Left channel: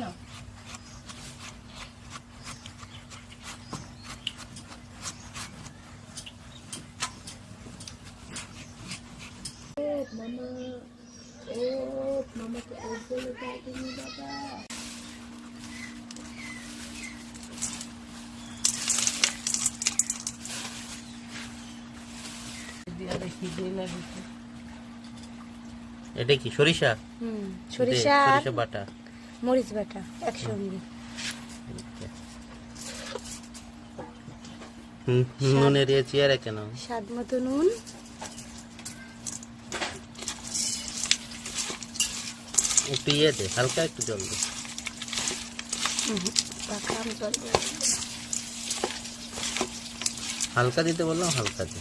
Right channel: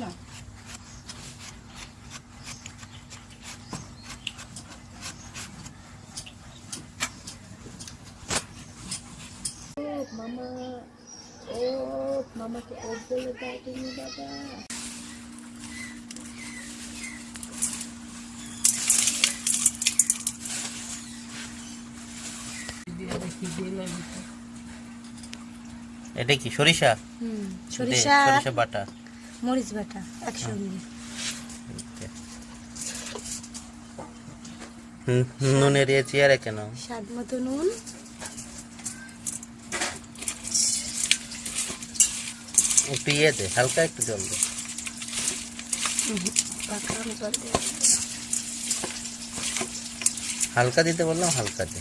বাবা মামা ও মামাকে ওট বলে দাও তুমি বাবা এটা কি সরিষা? সরিষা সরিষা বাটা। মরিচ বাটা একসঙ্গে নুনের এ চেয়ারে কেন? স্বাদ মতো নুন। একটু ইয়ে দে হালকা একটু জল দে। হালকা দিতে বললাম হালকা দে।